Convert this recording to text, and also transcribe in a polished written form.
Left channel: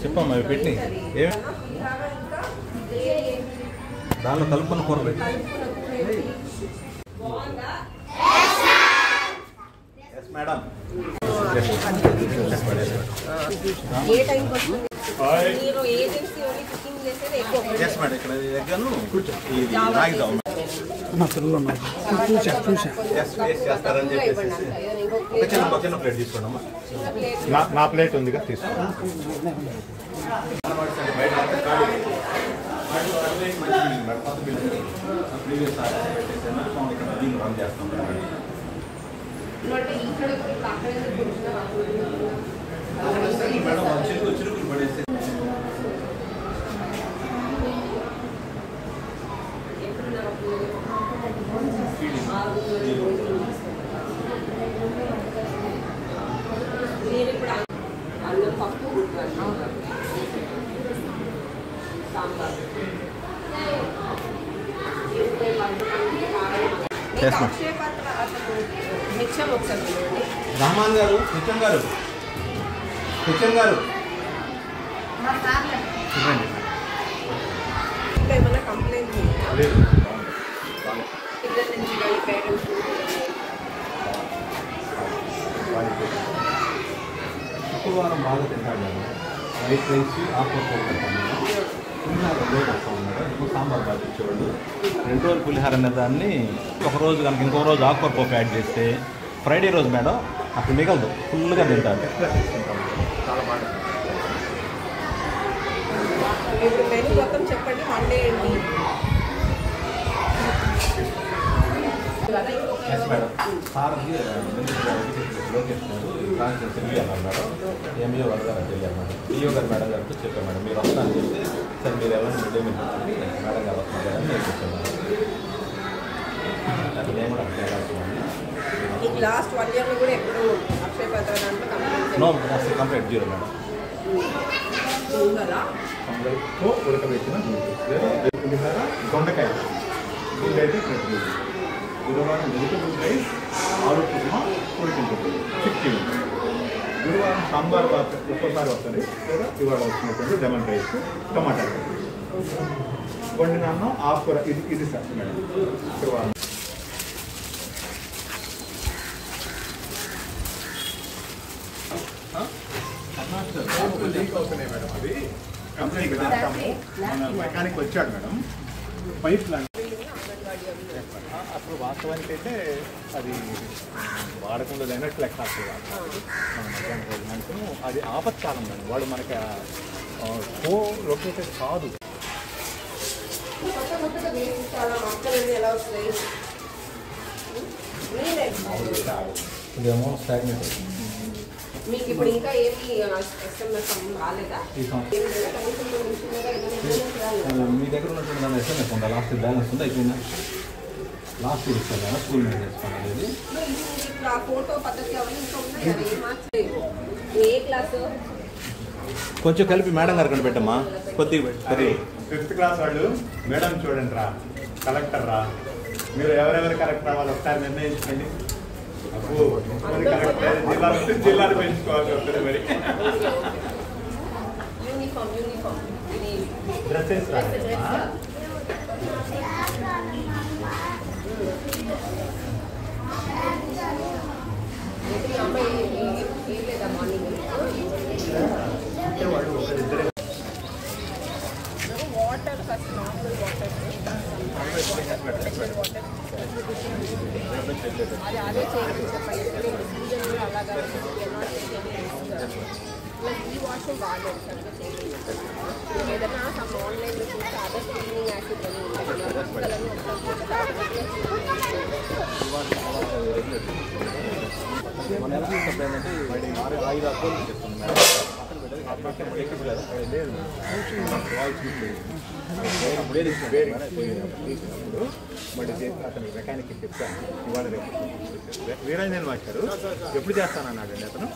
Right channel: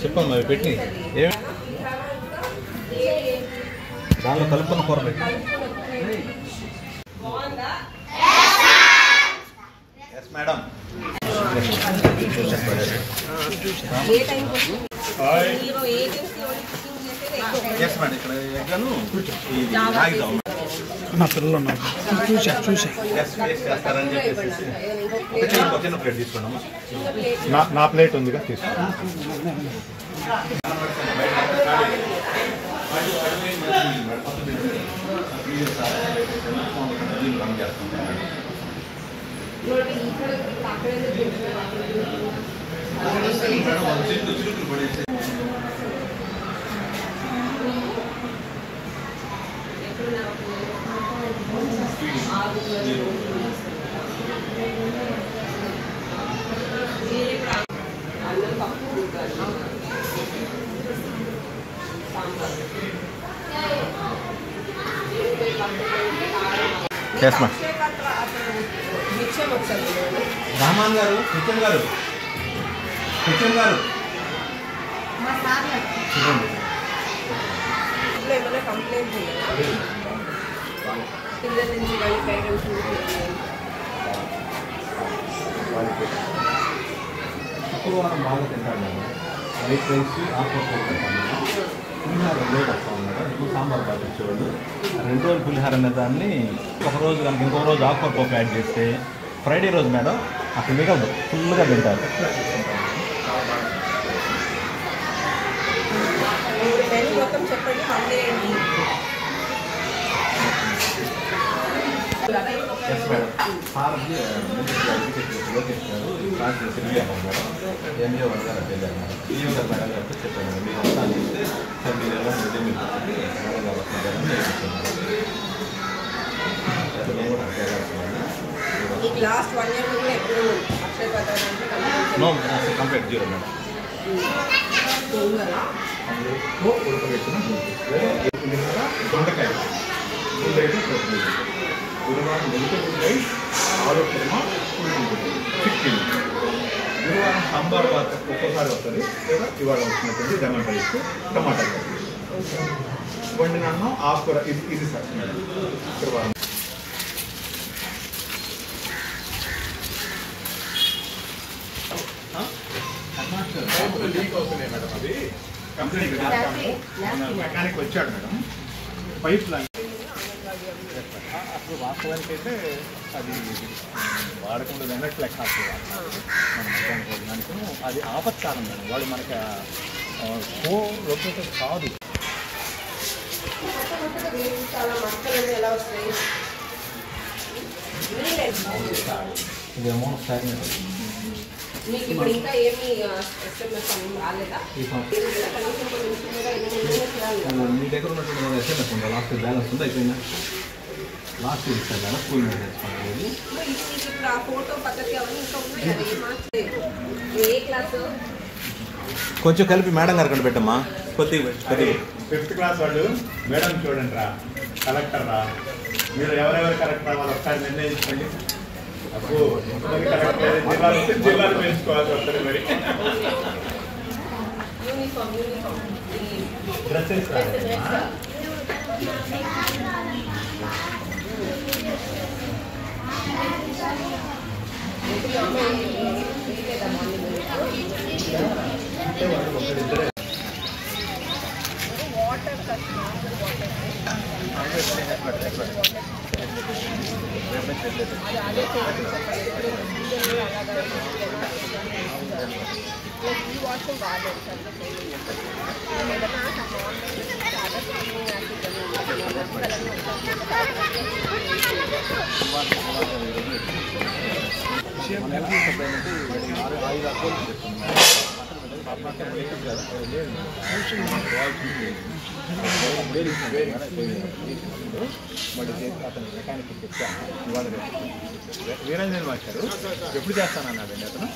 చెప్పమ్మా అవి పెట్టి దానిలో కలుపుకున్న కూర పెట్టి మేడం ఇక్కడ ఎగ్గాను నా పిల్లలు ఉన్నారు చేస్తారని చెప్పేసి ఒక చిన్న ప్లేట్ తీసుకోండి. నా ప్లేట్ ఉందిగా తీసుకోండి. రామాన్ గారు నిత్యం గారు ఏమైనా కంప్లైంట్ పిల్లల నుంచి శుక్రవారం బాగా తింటారు మేడం. వైట్ రైస్ ఆకుకూర తింటాం. పులిహార 2 రోజులు వస్తాం మేడం. ఇంకో సాంబార్ బాగా ఇచ్చేవాళ్ళు. 2 రోజులు పులిహార అనే దాన్ని ఒకరోజు కనుక ఇంకో రోజు ఆకుకూర పప్పు యాడ్ చేస్తే ఫ్రైడే రోజు మేడం అసలు మిగలదు, ఫుల్గా తింటారు. మొత్తం చెప్పండి. మండే ఏంటి మేడం మేడం ఎంఈఓ గారు వెళ్ళారు మేడం. ఈఓ గారు మేడం గారితో చెప్పాను మేడం మీరు వస్తా అని చెప్తే సార్ మీరు ఎలా ఉంటే మీరు మేడం గారు వస్తున్నారని నేను చెప్తున్నాను. నేను కూడా లాస్ట్ 1 year కూడా ఎప్పుడు అక్షయ కంప్లీట్ 0 మేడం. ఉడకబెట్టిన పులిహార దొండకాయ అయితే గురువారం వెజిటబుల్ ఆలు కుర్మా చికెన్. గురువారం సాంబార్ బాత్ ఒక్కోసారి వస్తుంది, లేదా ఇవాళ వచ్చినటువంటి లెమన్ రైస్ టమాటా వండిన అన్నం ఆకుకూర. ఇది సార్ మేడం గురువారం. మేడం అది కంప్లైంట్ పెట్టేస్తాము. మన మెకానిక్ వచ్చాడు మేడం. పైప్ లైన్ అసలు వాస్తవానికి అయితే అది వాడకుండా అన్నట్టు లెక్క అసలు మన మధ్యాహ్నం భోజనానికి అది ఆపత్కాలం మేడం. వాడు మనకి షో లొకేటెడ్ కాదు. ఇదేమో మీకు ఇప్పుడు ఇంకా ఏమి ఎస్ఎంఎస్ అని రాలేదా? మీ దగ్గర ఉన్నటువంటి ఎస్ఎంఎస్ ఉందా? లాస్ట్ బ్యాలెన్స్ ఉందా? అయిపోయిందా? లాస్ట్ ఇయర్ ఇస్తాను కదా స్కూల్ మీద చేసుకోండి. ఇప్పుడు ఆ ఫోటో పద్ధతి అవన్నీ ఇంకా ఉన్నాయి కదా. ఏ మార్క్స్ ఏ క్లాసు కొంచెం కలిపి మేడం గారు కంటే పెట్టమ్మా. కొద్దిగా 5th క్లాస్ వాళ్ళు మేడం చూడండి రా, కలెక్టర్ రా, మీరు ఎవరెవరు కలెక్టర్ అవ్వాలి ఒకసారి నిర్ణయించండి. జిల్లాలు పెంచుకోవాల్సి వస్తుంది. మరి డ్రెస్సెస్ వాటర్ నార్మల్ వాటర్ అది అదే చేయాలి చెప్పండి. అలాగా ప్లస్ ఈ వాష్రూమ్ బాగాలేదు సార్. ఏదైనా ఆన్లైన్లో చూస్తే అదర్ క్లీనింగ్ యాసిడ్ అని ఉంటుంది. వస్తువులన్నీ తీసినప్పుడు మళ్ళీ చేసి అతను మెకానిక్ చెప్తాను. ఇవాళ రేపు వీరంజన్ మాస్టారు ఎప్పుడు చేస్తానన్నాడండి అతను.